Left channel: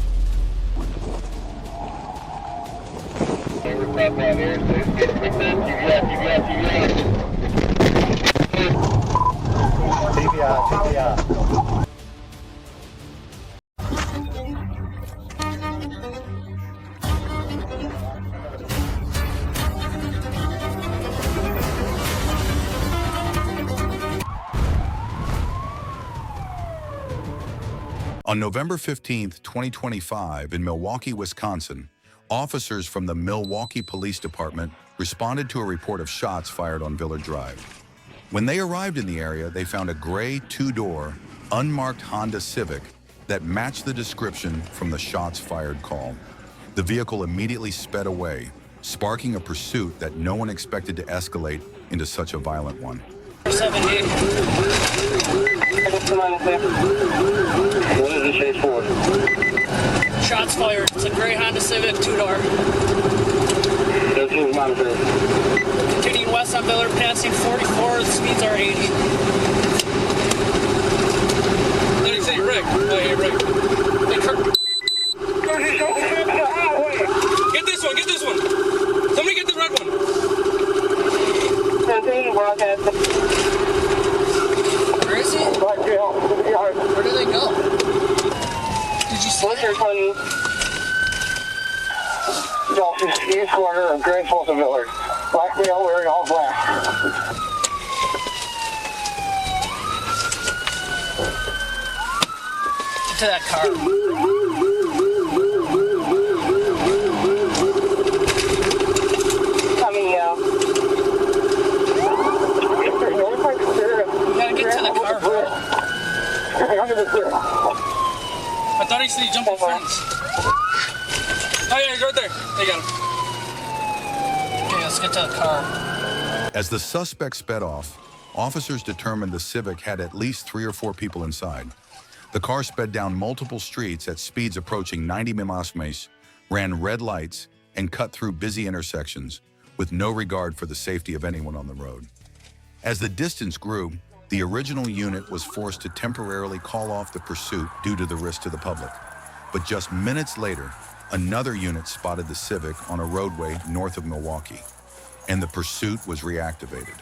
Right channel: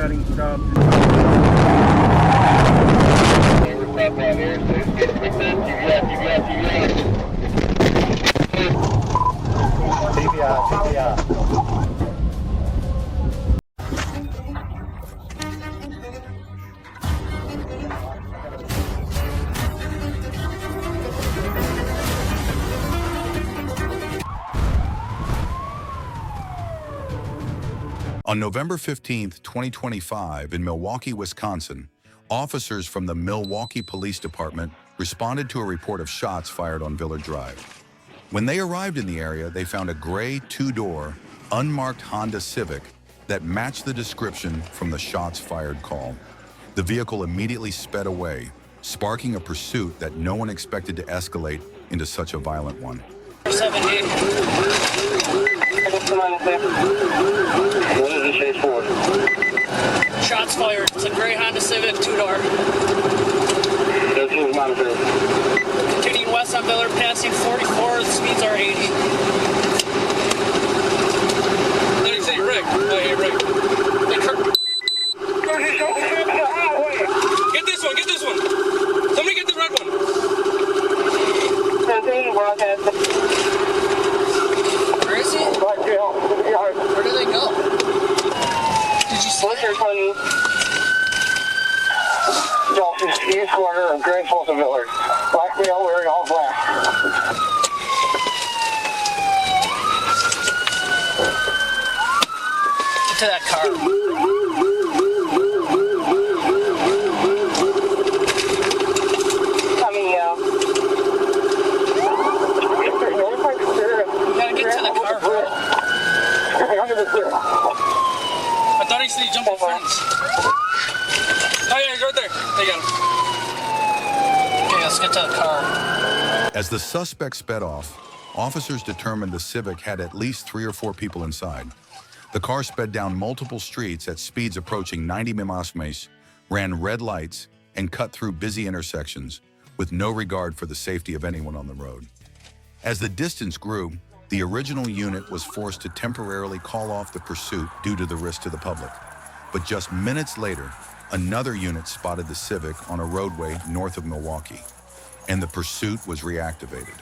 getting stopped. TBI. On November 15, 2025, in Milwaukee, Wisconsin, officers from the Milwaukee Police Department responded to a report of shots fired on Villard Drive. When they arrived in the area, they found a gray two-door, unmarked Honda Civic that matched the description from the shots fired call. The vehicle immediately sped away, sparking a pursuit that no one expected to escalate into such a violent one. 70. What is the chase for? Shots fired. It's a gray Honda Civic, two-door. Continuing west on Villard, passing 44. The speeds are 80. Let me say Rick. Oh, hey, Rick. Hey, Kirk. Get this one. Get this one. Somebody get the red one. Where is he? Where do they go? Did you see it? East corner of Great Falls and Villard. Black male wearing all black. Get to that car. Coming out. You gotta get to the car, bro. I thought he said he jumped the fence. Oh yeah, he's right there. They got him. Okay, let's get to the car. As the suspect sped off, officers determined the Civic had at least 3 or 4 people inside. The car sped down multiple streets at speeds approaching 90 miles, ran red lights, and cut through busy intersections with no regard for the safety of anyone on the road. As the distance grew, the original unit was forced to temporarily call off the pursuit due to the risk to the public. But just minutes later, another unit spotted the Civic on a roadway north of Milwaukee, and the pursuit was reactivated.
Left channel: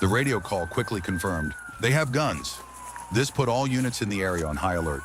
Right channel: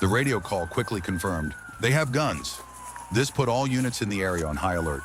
The radio call quickly confirmed, they have guns. This put all units in the area on high alert.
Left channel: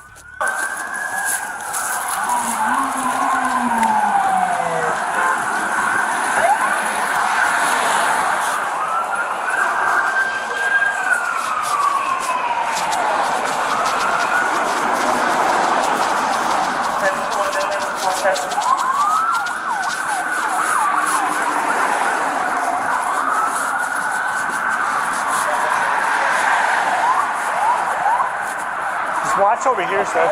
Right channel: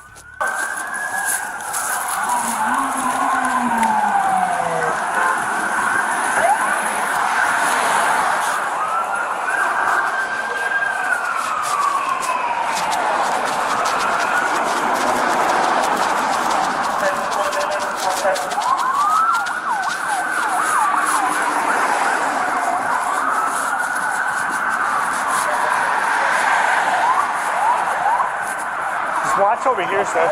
Watch over here, sir.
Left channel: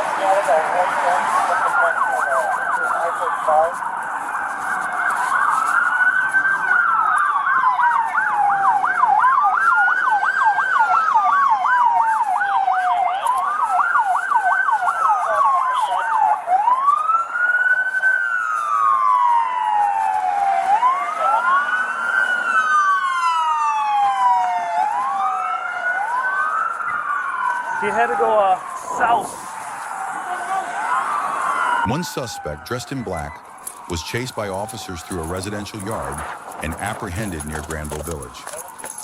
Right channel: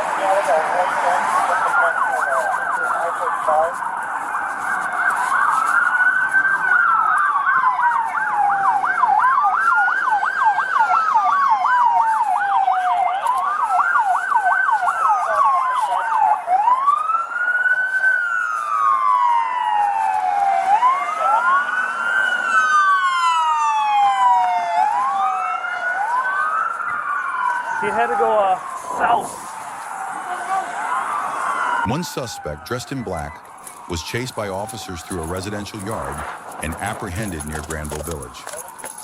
He had to go south. One suspect, dressed in black, was chased by officers through a residential yard and apprehended near Granville Village.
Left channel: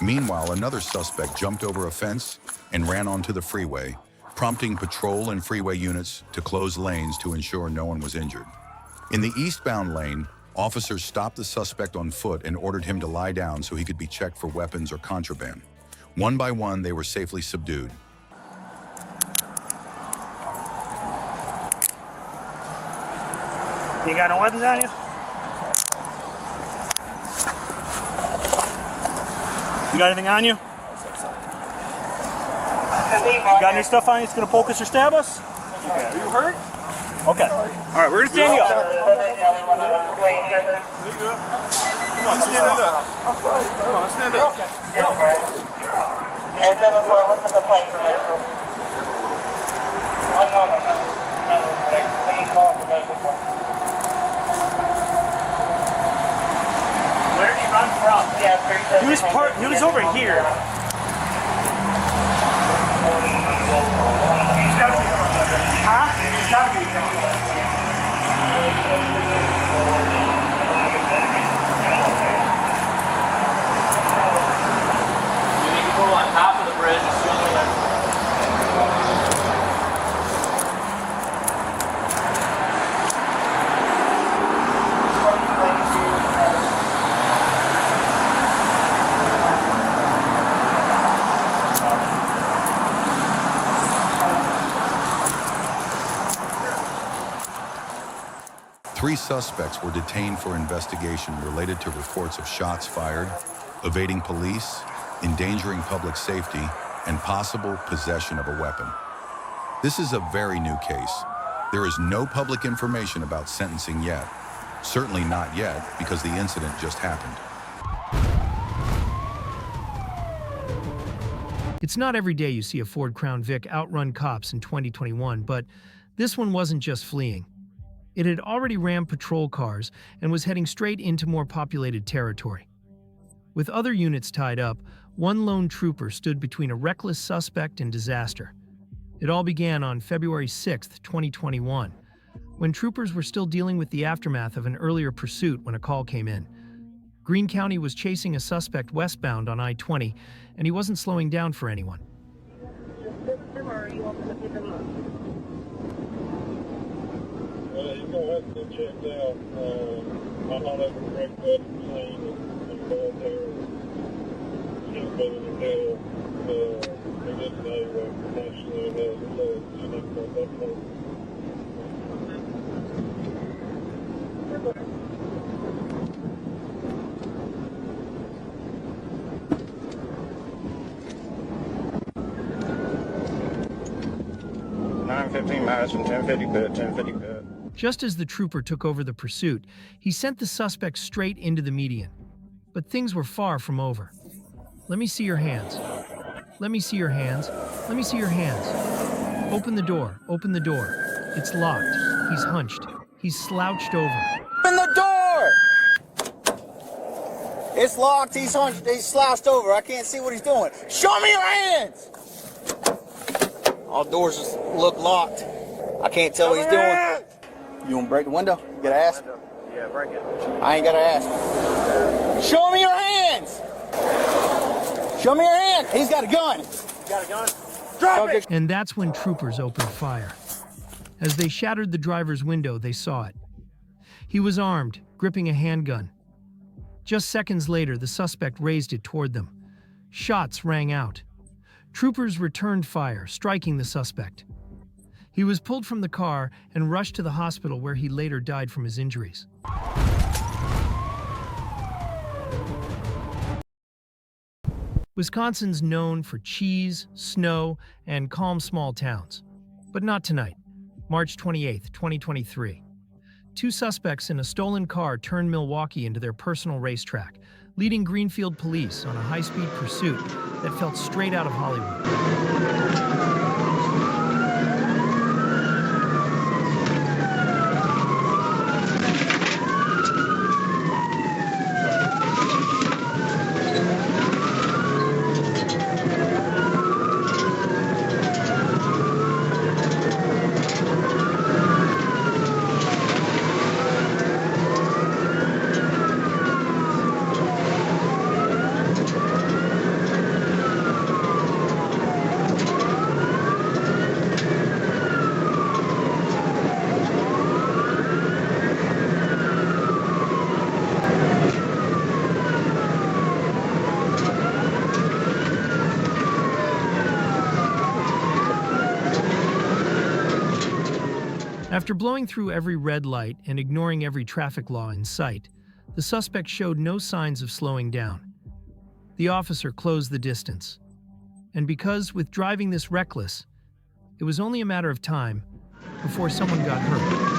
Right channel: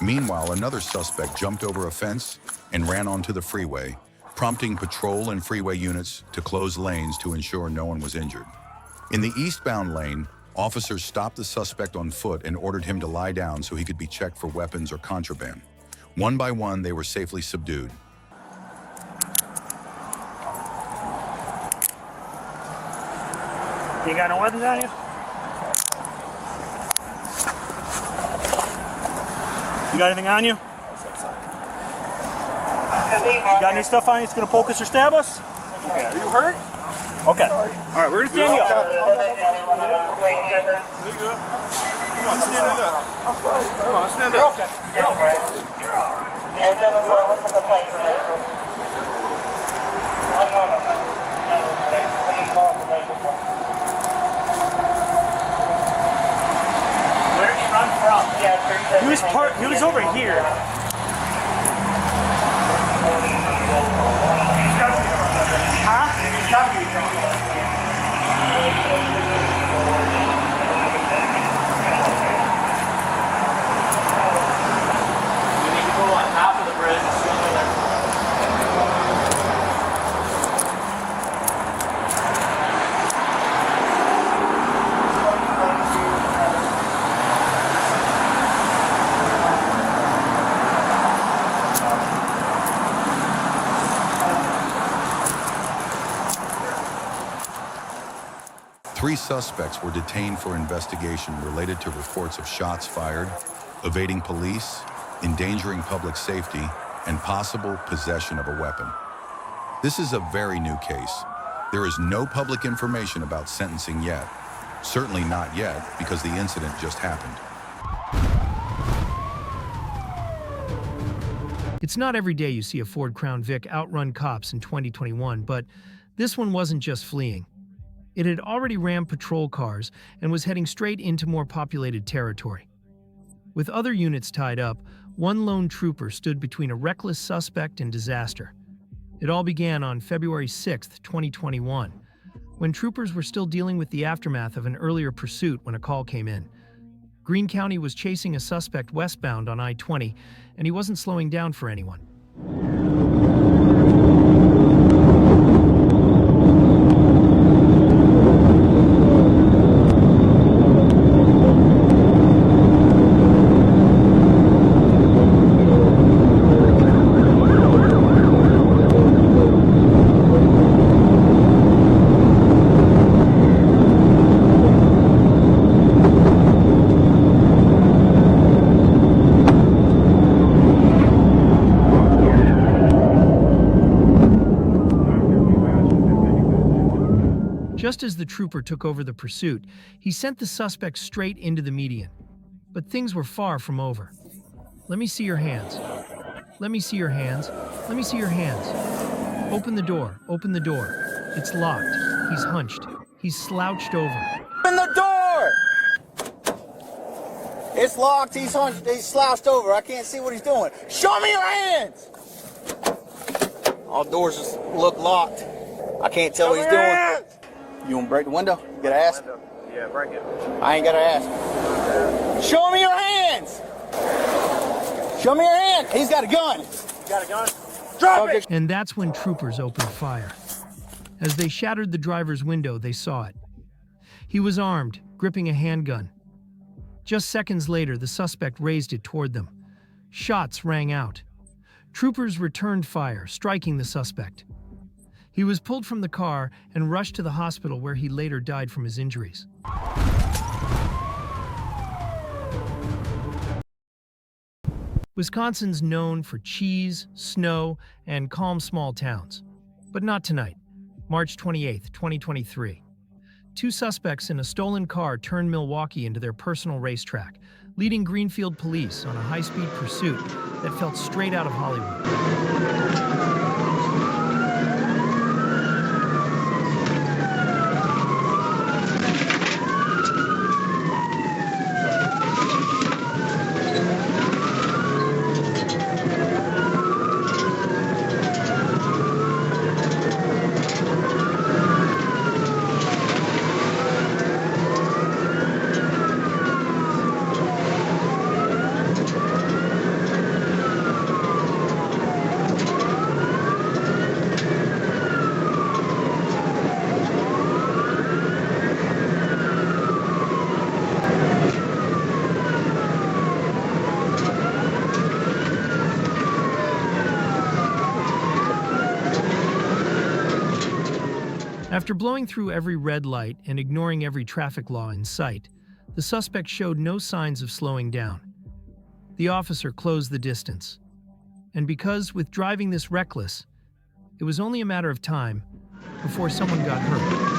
Meanwhile, another suspect jumped over a fence and ran onto the freeway, prompting patrol and freeway units to close lanes to ensure no one was injured. In the eastbound lane, officers stopped the suspect on foot and ordered him to lie down so he could be checked for weapons or contraband. One by one, they were safely subdued. You got no weapons on you? You got anything on you? You got any stuff on you that's gonna poke us or stab us? Okay. Are you hurt? Okay. All right, we're gonna stand you up. Come on, stand it up. Come on, stand up. Where did he run from? He was over here. Huh? 3 suspects were detained for investigation related to reports of shots fired, evading police, endangering public safety, and possible possession of a weapon. This is a very new case. There is no public information about sentencing yet. Certainly not yet, because the incident just happened. It's not every day you see a Ford Crown Vic outrun cops in 2021, but this one wasn't just fleeing. It had already rammed patrol cars and was heading straight into more populated territory. With other units tied up, one lone trooper stood between a reckless suspect and disaster. It all began on February 6, 2021, when troopers were still dealing with the aftermath of an earlier pursuit when a call came in. Greene County was chasing a suspect westbound on I-20, and he wasn't slowing down for anyone. Just as the trooper took over the pursuit, he sent the suspect straight into the median. But things were far from over. Let me see your hands. Let me see your hands. Let me see your hands. Open the door. Open the door. It's locked. He's hunched. He's slouched over. Open the door! It's locked. He's hunched. He's slouched over. I can't see what he's doing. Show me your hands! All doors just look locked. I can't tell what he's doing. You want to break the window? You gotta ask. Yeah, break it. I ain't gotta ask. Show me your hands! Show me your hands! He's got a gun! You got a gun? Drop it! And that's when troopers opened fire. As they shattered the driver's window, they saw it. He was armed, gripping a handgun. Just seconds later, the suspect raised it toward them. Shots rang out. Troopers returned fire, striking the suspect. He was pulled from the car and rushed to the hospital where he later died from his injuries. Wisconsin's known for cheese, snow, and calm small towns. But not tonight. March 28, 2023. 2 suspects in a stolen car turned Milwaukee into their personal racetrack, leading Greenfield police on a high-speed pursuit that felt straight out of Hollywood. After blowing through every red light and ignoring every traffic law in sight, the suspect showed no signs of slowing down. The officer closed the distance. And because, with driving this reckless, it was only a matter of time before someone got hurt.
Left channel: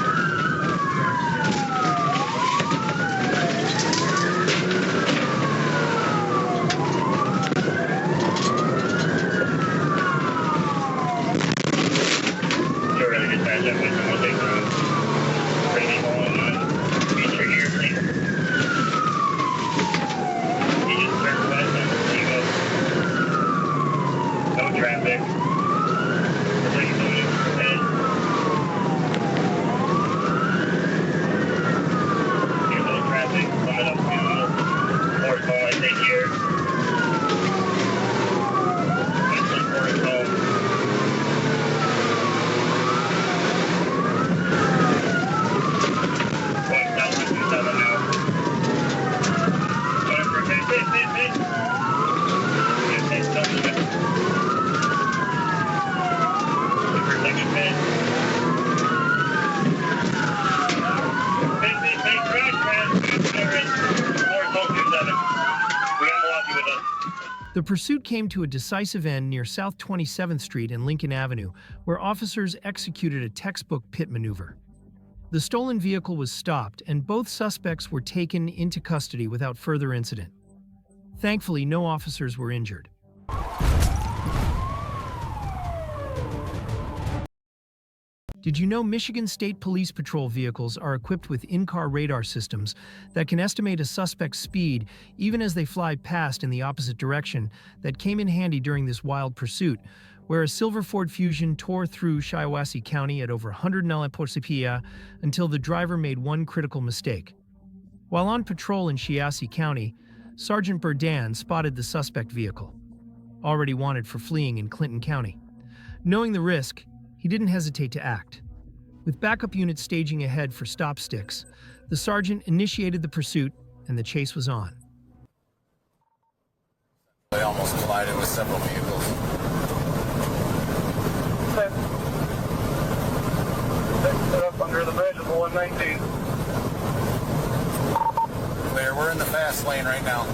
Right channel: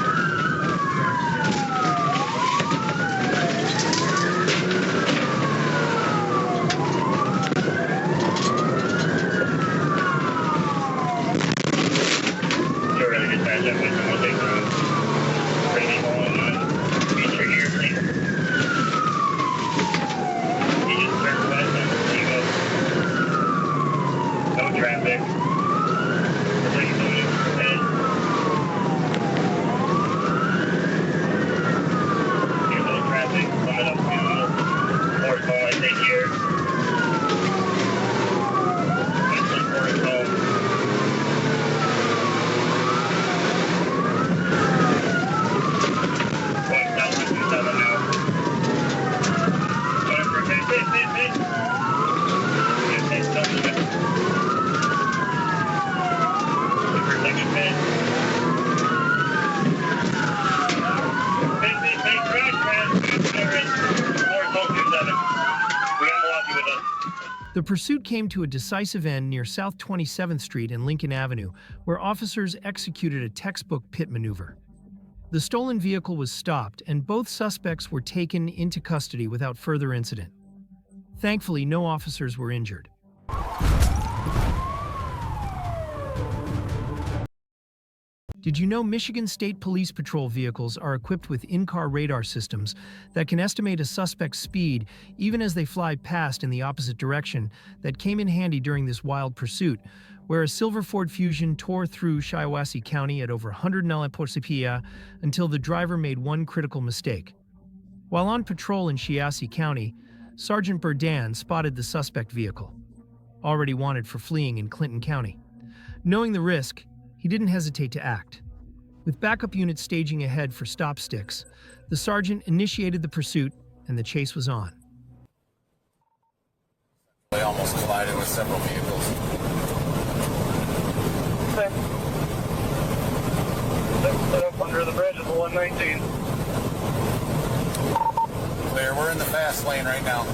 The pursuit came to a decisive end near South 27th Street and Lincoln Avenue, where officers executed a textbook pit maneuver. The stolen vehicle was stopped, and both suspects were taken into custody without further incident. Thankfully, no officers were injured. Did you know Michigan State Police Patrol vehicles are equipped with in-car radar systems that can estimate a suspect's speed even as they fly past in the opposite direction? That came in handy during this wild pursuit, where a silver Ford Fusion tore through Shiawassee County at over 100 mph until the driver made one critical mistake. While on patrol in Shiawassee County, Sergeant Burdan spotted the suspect vehicle, already wanted for fleeing in Clinton County. Knowing the risk, he didn't hesitate to act. With backup units staging ahead for stop sticks, the sergeant initiated the pursuit, and the chase was on. They almost collided with several vehicles. Set up under the bridge of the 119. Clear, we're in the fast lane right now.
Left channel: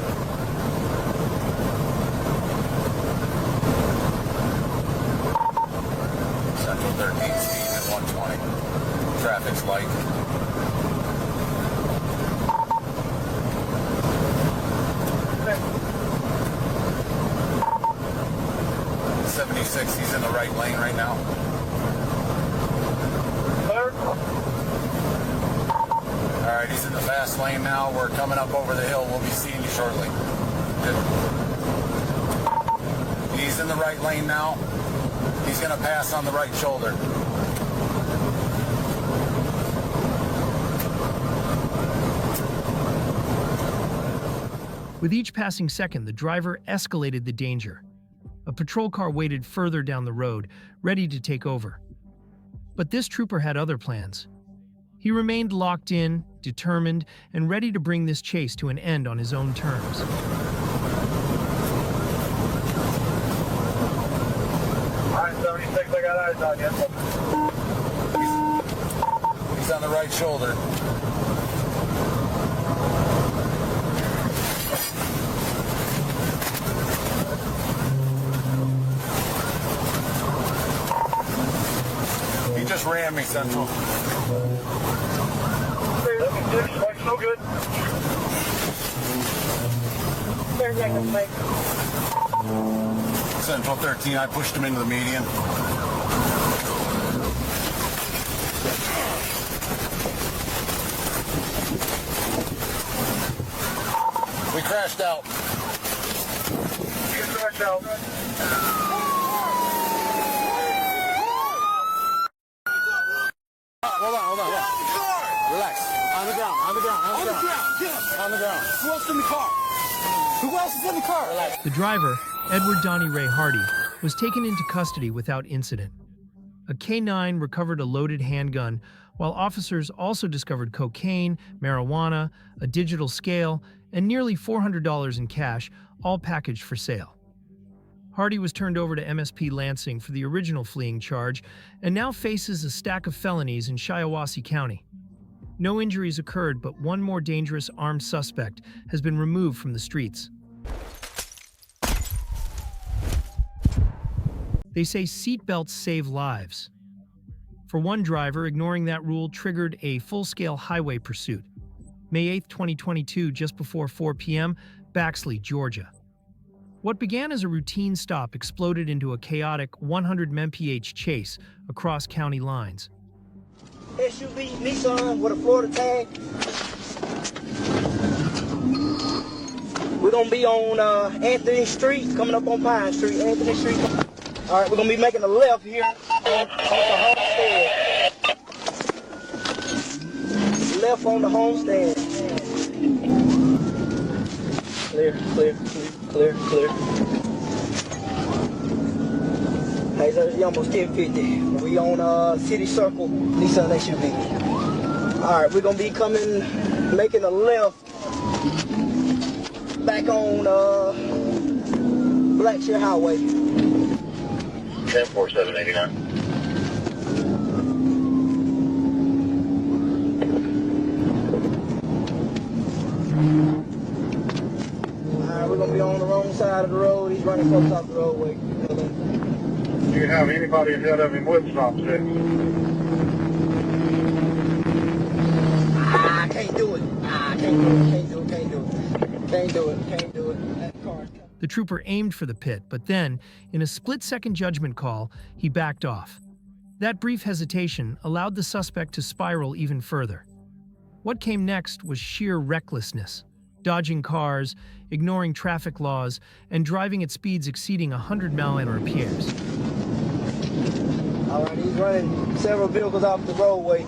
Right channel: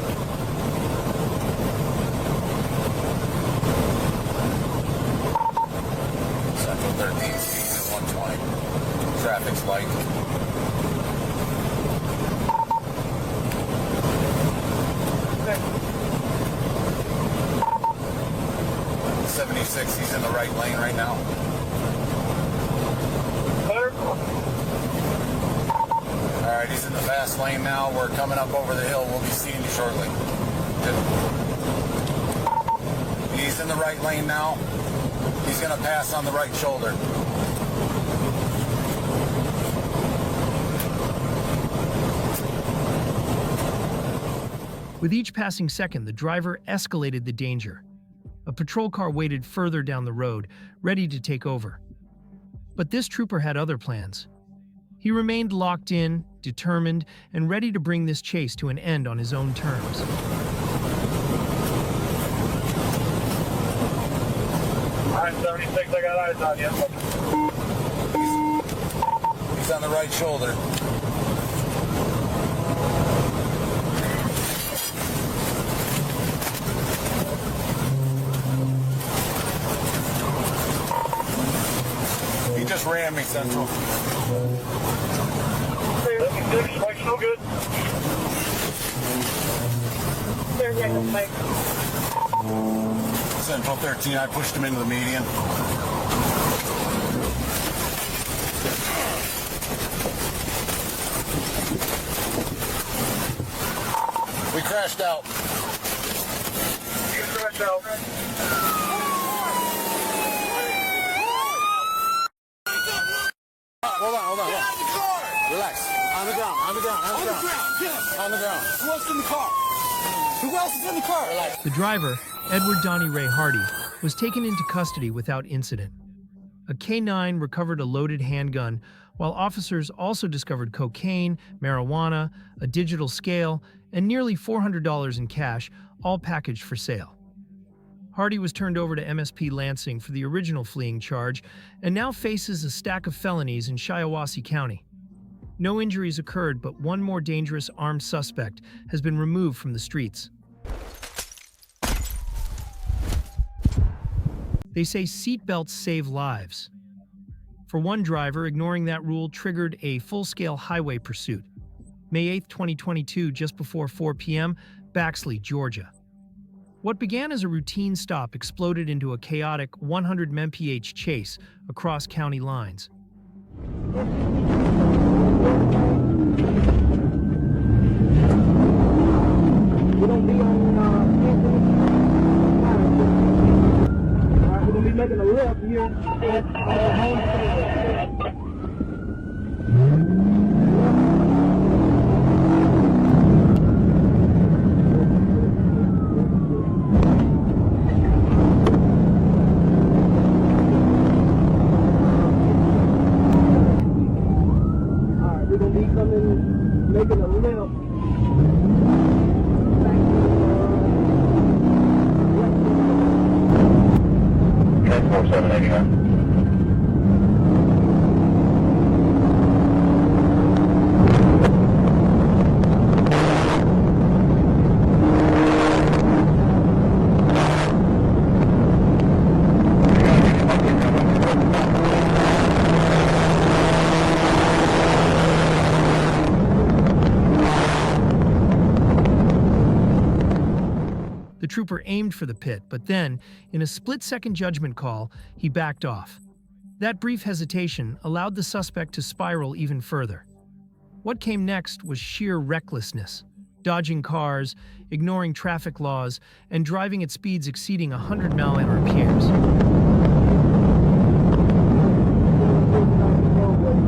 Central 13 speed at 120. Traffic's light. Okay. 76, he's in the right lane right now. Clear. All right, he's in the fast lane now. We're coming up over the hill. We'll be seeing you shortly. Good. He's in the right lane now. He's going to pass on the right shoulder. With each passing second, the driver escalated the danger. A patrol car waited further down the road, ready to take over. But this trooper had other plans. He remained locked in, determined, and ready to bring this chase to an end on his own terms. I-76, I got eyes on you. He's on the right shoulder. He just rammed me, Central. Looks no good. Central 13, I pushed him into the median. We crashed out. You crashed out. Hold on. Relax. On the ground. On the ground. Who else in the car? Who else is in the car? Relax. The driver, Edward Donnie Ray Hardy, was taken into custody without incident. A K-9 recovered a loaded handgun, while officers also discovered cocaine, marijuana, a digital scale, and nearly $400 in cash, all packaged for sale. Hardy was turned over to MSP Lansing for the original fleeing charge and now faces a stack of felonies in Shiawassee County. No injuries occurred, but one more dangerous armed suspect has been removed from the streets. They say seatbelts save lives. For one driver, ignoring that rule triggered a full-scale highway pursuit. May 8, 2022, just before 4 p.m., Baxley, Georgia. What began as a routine stop exploded into a chaotic 100 mph chase across county lines. We're gonna be on Anthony Street, coming up on Pine Street, Anthony Street. All right, we're gonna be making a left here on Homestead. Left on the Homestead. Clear. Hey, look, we almost get 50. We on City Circle, East LSU. All right, we're gonna be making a left back on Blackshear Highway. Okay, what's that again? On the wrong side of the road. The trooper aimed for the pit, but then, in a split-second judgment call, he backed off. That brief hesitation allowed the suspect to spiral even further. What came next was sheer recklessness, dodging cars, ignoring traffic laws, and driving at speeds exceeding 100 mph. He's running several vehicles off the roadway.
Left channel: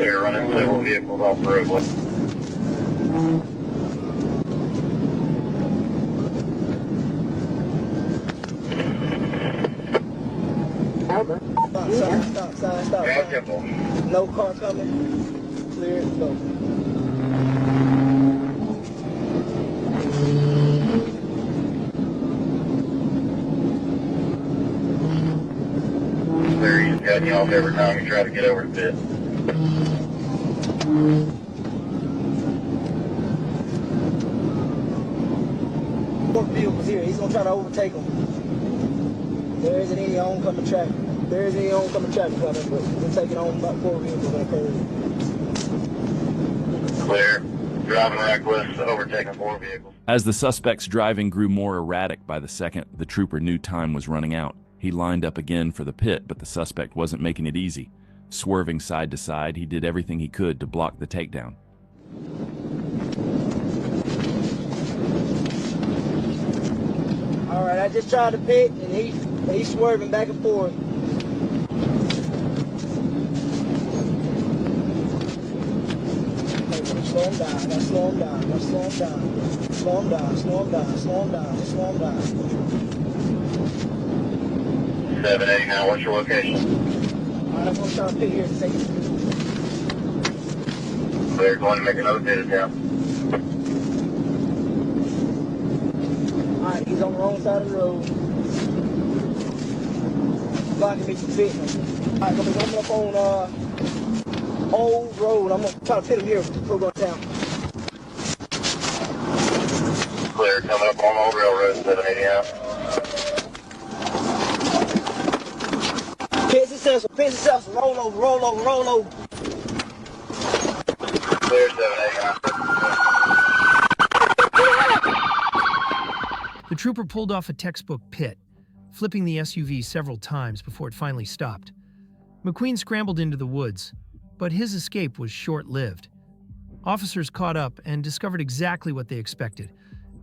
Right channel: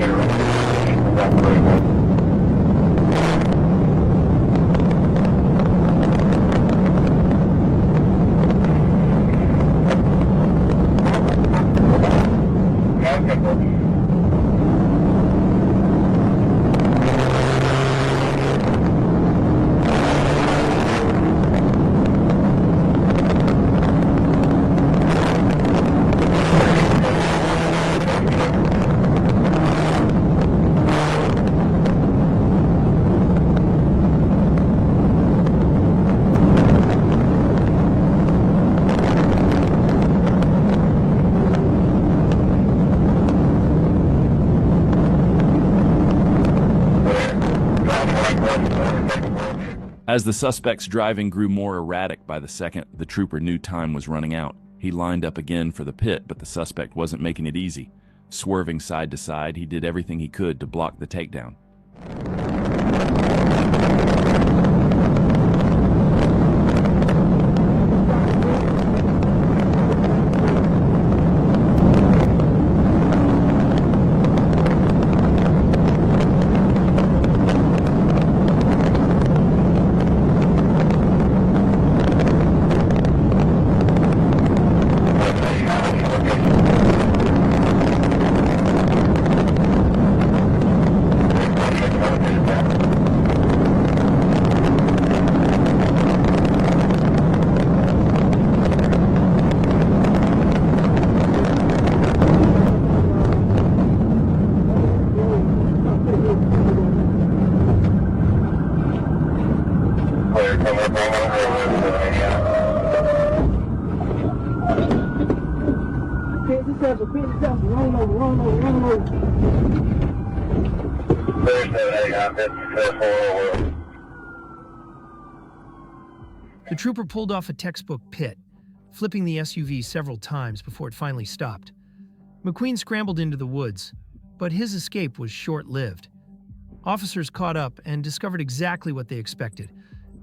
They're running several vehicles off the roadway. No car coming. As the suspect's driving grew more erratic by the second, the trooper knew time was running out. He lined up again for the pit, but the suspect wasn't making it easy. Swerving side to side, he did everything he could to block the takedown. All right, I just tried to pit, but he's swerving back and forth. Roll. The trooper pulled off a textbook pit, flipping the SUV several times before it finally stopped. McQueen scrambled into the woods, but his escape was short-lived. Officers caught up and discovered exactly what they expected:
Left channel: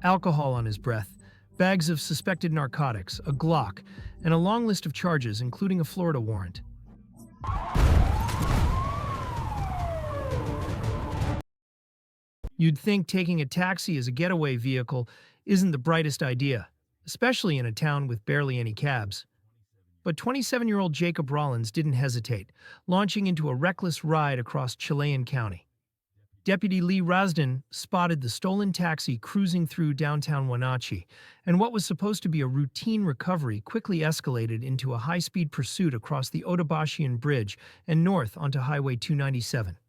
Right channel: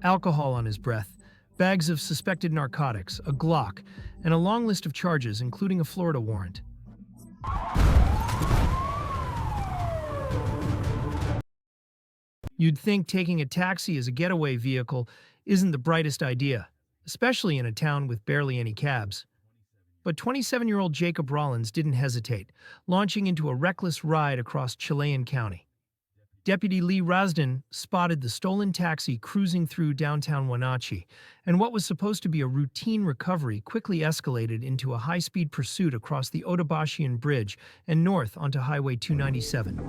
alcohol on his breath, bags of suspected narcotics, a Glock, and a long list of charges, including a Florida warrant. You'd think taking a taxi as a getaway vehicle isn't the brightest idea, especially in a town with barely any cabs. But 27-year-old Jacob Rollins didn't hesitate, launching into a reckless ride across Chelan County. Deputy Lee Rasdin spotted the stolen taxi cruising through downtown Wenatchee, and what was supposed to be a routine recovery quickly escalated into a high-speed pursuit across the Otobashian Bridge and north onto Highway 297.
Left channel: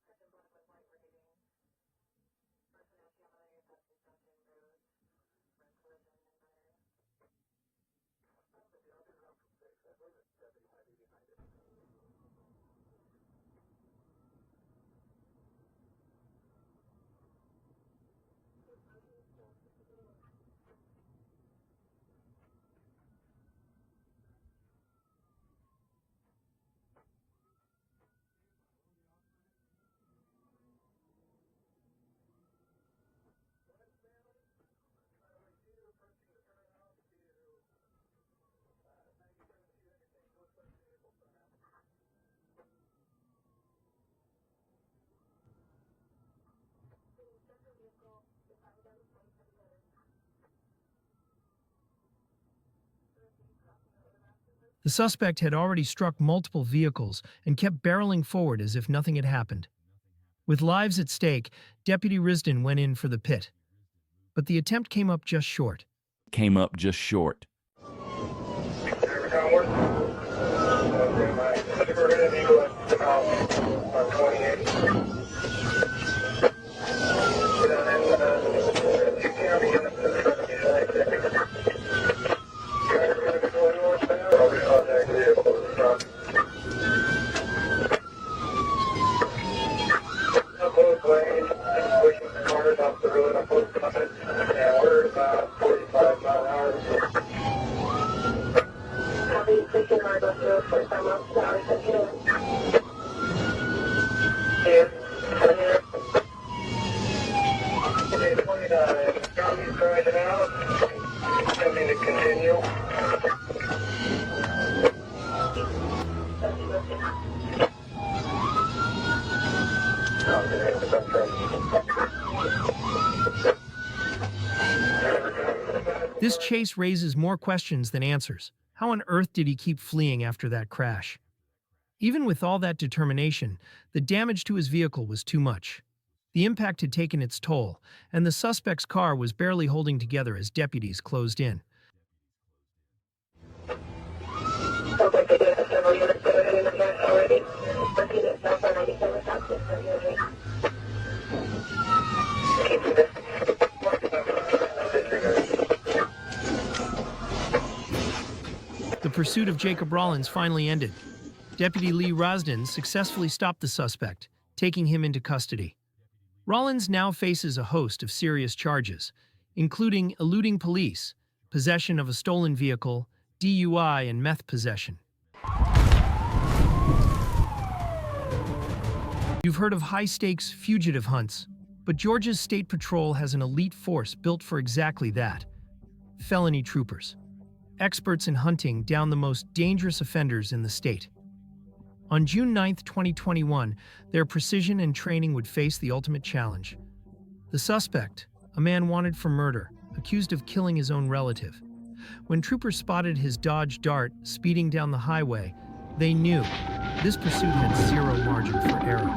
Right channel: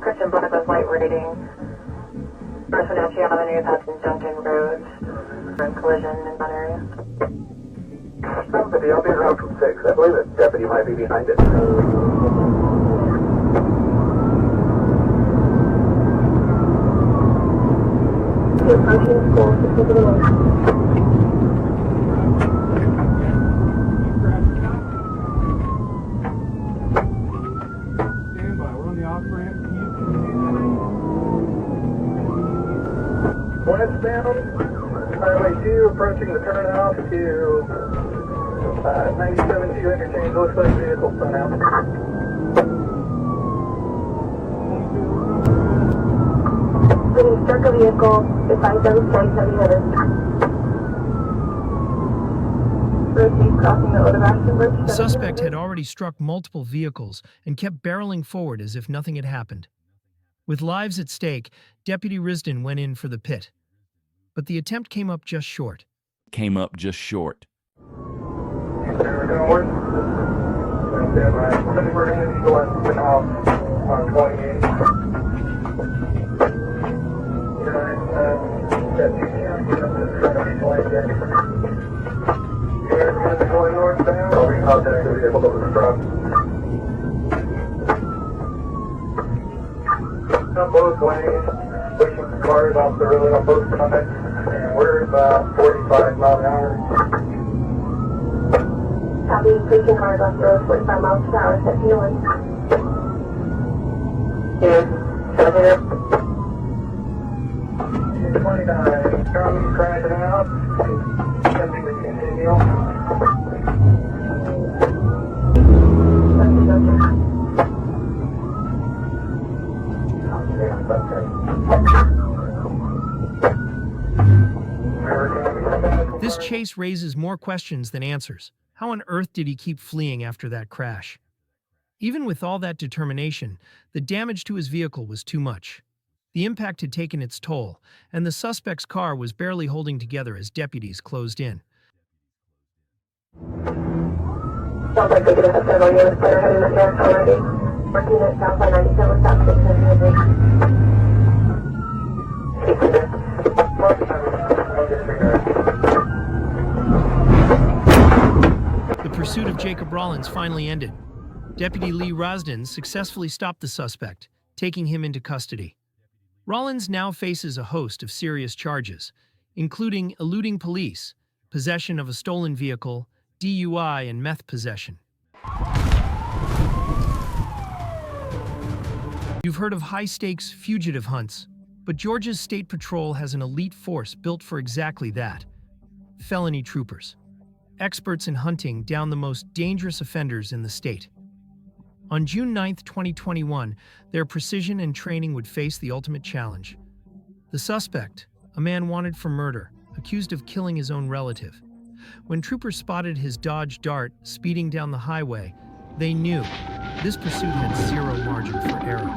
Christian Bonaco's light rating. North Wenatchee Avenue, passing Duncan Road. Collision in that area. Somebody, I'll be around from 6. I believe the deputy might be behind it. Approaching school, 6 over the road. Westbound, Highway 2, approaching the turnoff to 97 2 interchange. Looks like vehicle spun out. When struck a vehicle, defines every point heavy hitter. Crossing the Otobashian Bridge. The suspect had already struck multiple vehicles and kept barreling forward as if nothing had happened. With lives at stake, Deputy Risden went in for the pit. But the attempt came up just short. There we go, stand by. Ready for heading short now on 28. That 2 county units in front of me, like that. You guys going northbound? I'll be contacting the vehicle. off of the truck. Up both ways, pushing cars off the road on both sides, and we're about 45 miles an hour. Copy, pushing cars off the road 45 miles per hour, set fueling. Yes, here. 29, copy, crashing out. Attempting to continue. This chase raises more questions than answers. How on earth did he keep fleeing after that crash? Even with all that determination, the damage to his vehicle was too much. The impact had taken its toll, and the suspect's car was barely holding together as deputies closed in. Sounds like we do have several units that are heading north already. Working at South on 97 South 600. The pursuit of Jacob Rollins finally ended. Deputy Lee Rosden successfully stopped the suspect, taking him into custody. Rollins now faces a host of serious charges, including eluding police, possession of a stolen vehicle, DUI, and meth possession. You've heard of high-stakes fugitive hunts, but Georgia's State Patrol has an elite force built for exactly that: felony troopers, experts in hunting down the most dangerous offenders in the state. On June 9, 2021, their precision and training would face the ultimate challenge. The suspect, a man wanted for murder, accused of killing his own relative. When troopers spotted his Dodge Dart speeding down the highway, they knew this pursuit had zero margin for error.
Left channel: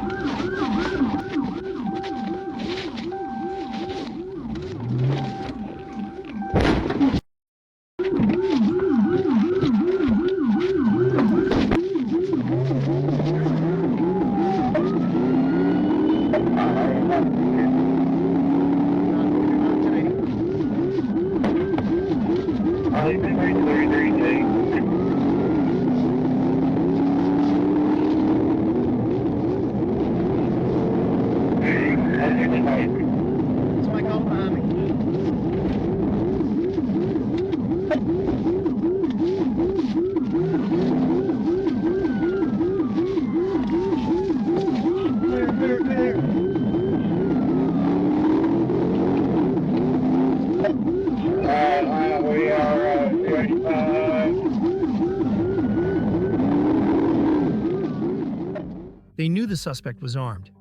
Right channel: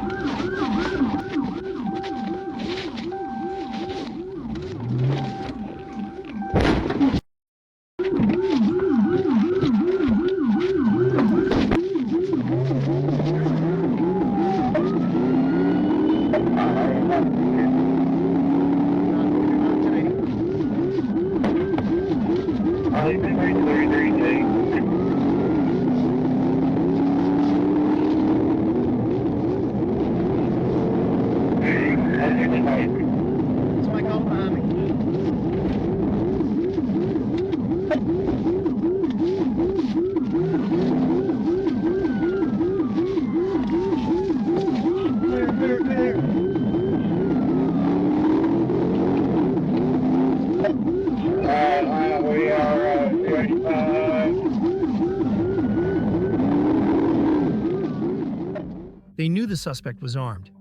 They knew the suspect was armed,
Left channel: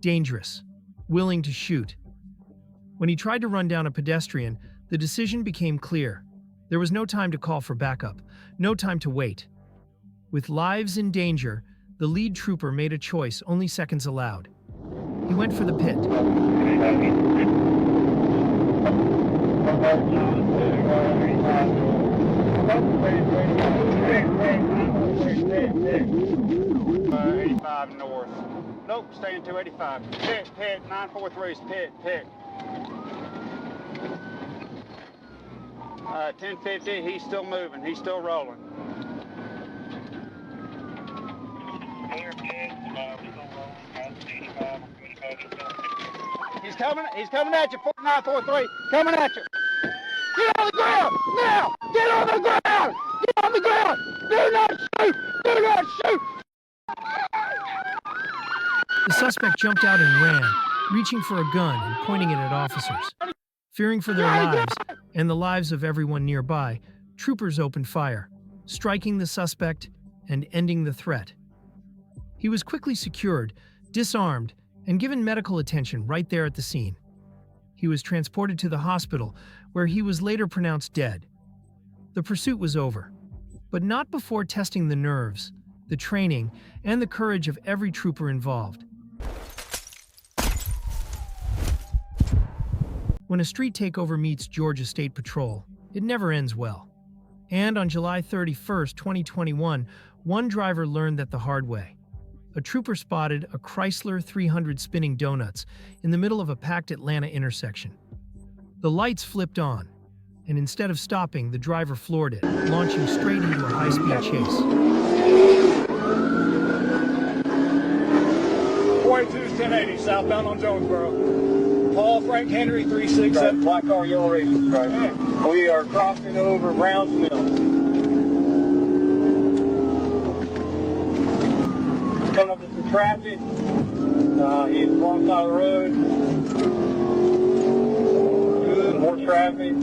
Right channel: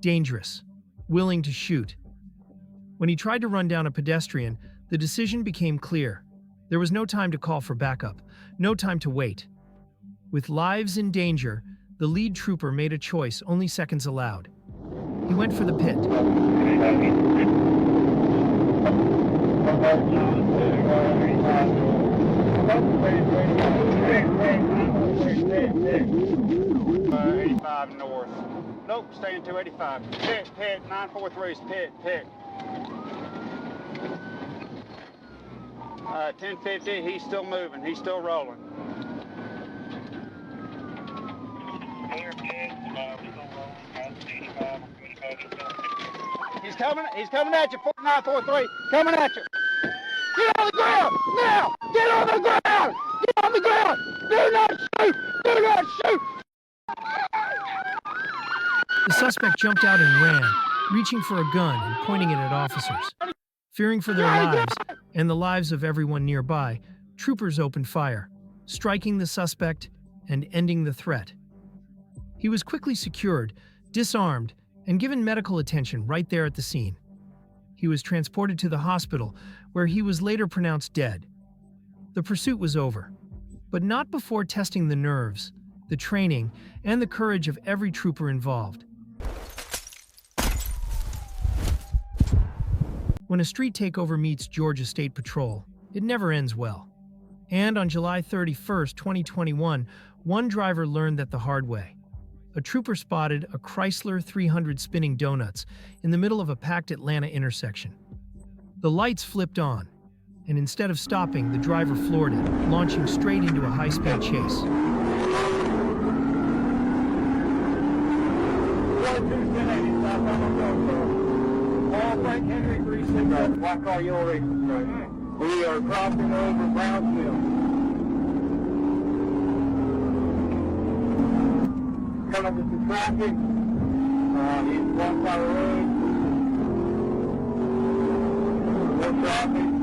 dangerous, willing to shoot. When he tried to run down a pedestrian, the decision became clear. There was no time to call for backup, no time to wait. With lives in danger, the lead trooper made a choice only seconds allowed. He went for the pit. North. Nope, staying 285. Pit, 943's pit. 1050, he's still moving, he's still rolling. He's coming at you, 4943, coming at you. Get on the ground, now! Get on the ground! Get on the ground! Do not shoot! Do not shoot! The suspect jumped out and ran, reaching for a gun and pointing it at officers. Fearing for their lives and the lives of everyone nearby, troopers opened fire, striking the suspect and ending the threat. He was quickly secured, disarmed, and given medical attention right there at the scene. He was transported to the hospital, where he was later pronounced dead. The pursuit was over, but not before testing the nerves, the training, and the courage of every trooper involved. When a street takeover meets Georgia State Patrol, it never ends well. And on July 31, 2021, one driver learned that the hard way. A trooper spotted a Chrysler 300 spinning donuts in the middle of a packed Atlanta intersection. The lights flipped on, and instead of stopping, the driver floored it, launching straight into a high-speed chase. 36 at Black Car Yellow Racing right now. We are crossing over Brownsville. Coming some traffic. He's walking down the road. Good, no traffic.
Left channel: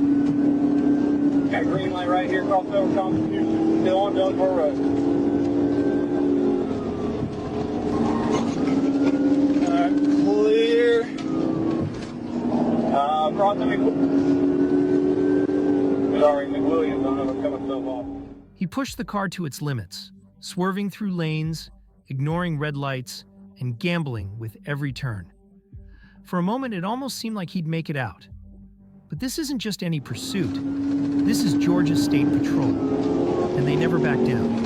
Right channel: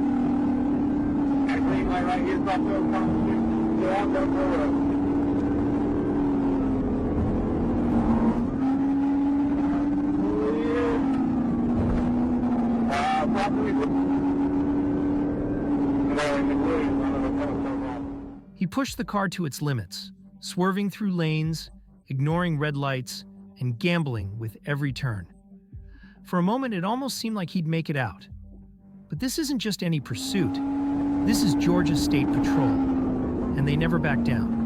Got green light right here, Crossville Constitution. Get on down the road. Clear. He pushed the car to its limits, swerving through lanes, ignoring red lights, and gambling with every turn. For a moment, it almost seemed like he'd make it out. But this isn't just any pursuit. This is Georgia State Patrol, and they never back down.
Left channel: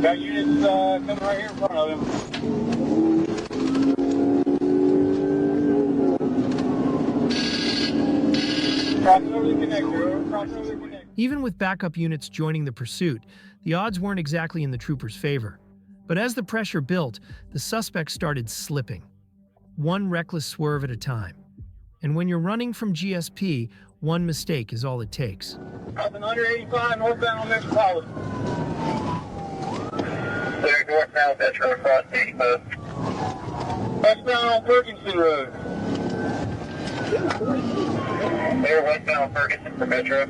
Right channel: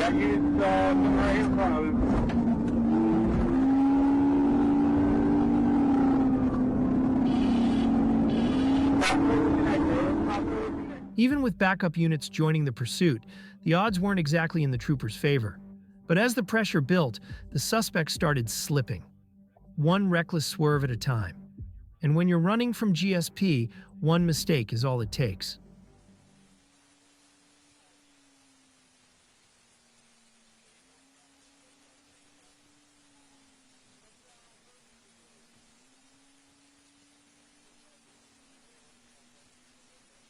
Got units coming right here in front of him. Even with backup units joining the pursuit, the odds weren't exactly in the troopers' favor. But as the pressure built, the suspect started slipping, one reckless swerve at a time. And when you're running from GSP, one mistake is all it takes. Nothing under 85, northbound on Metropolitan. Clear northbound Metro across 85. Westbound on Ferguson Road. Clear westbound Ferguson for Metro.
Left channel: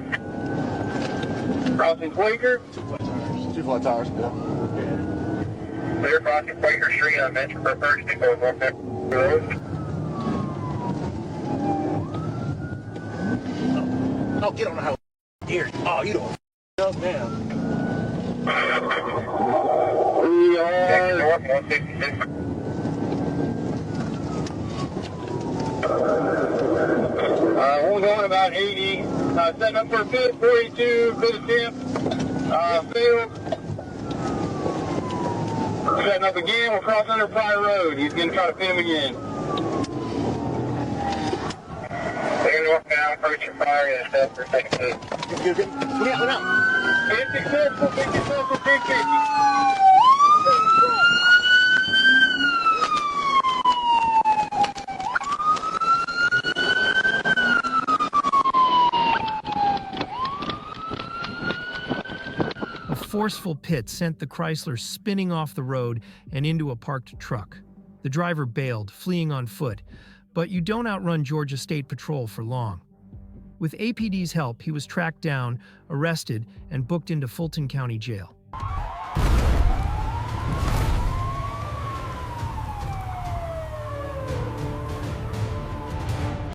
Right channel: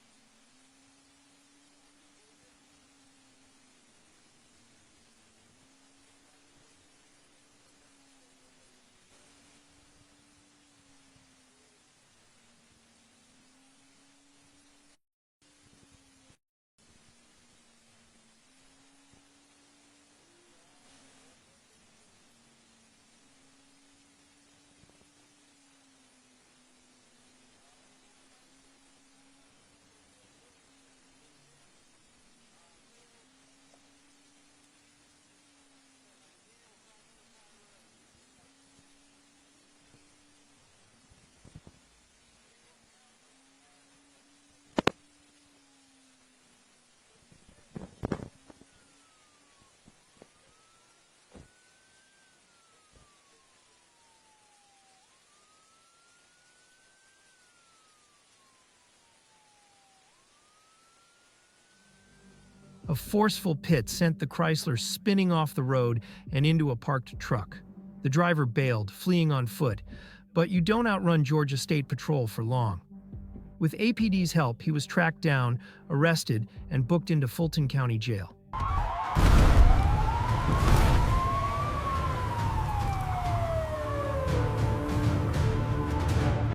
Crossing Quaker. Two flat tires, yeah. Clear crossing Quaker Street on Metro for Ferguson going north Metro Road. Oh, get on the house. Here. Oh, you don't up now. We Next are north 166. only going about 80. Setting up for a pit, 42, pit attempt. Failed. Setting up again, we'll cross under Pryor Road. He's going to try to pin him again. Clear northbound, approach your fire and step for second pit. Look out. Been successful, 1050. A forceful pit sent the Chrysler spinning off the road and into a parked truck. The driver bailed, fleeing on foot, but you don't outrun Georgia State Patrol for long. With APD's help, he was tracked down, arrested, and booked into Fulton County Jail.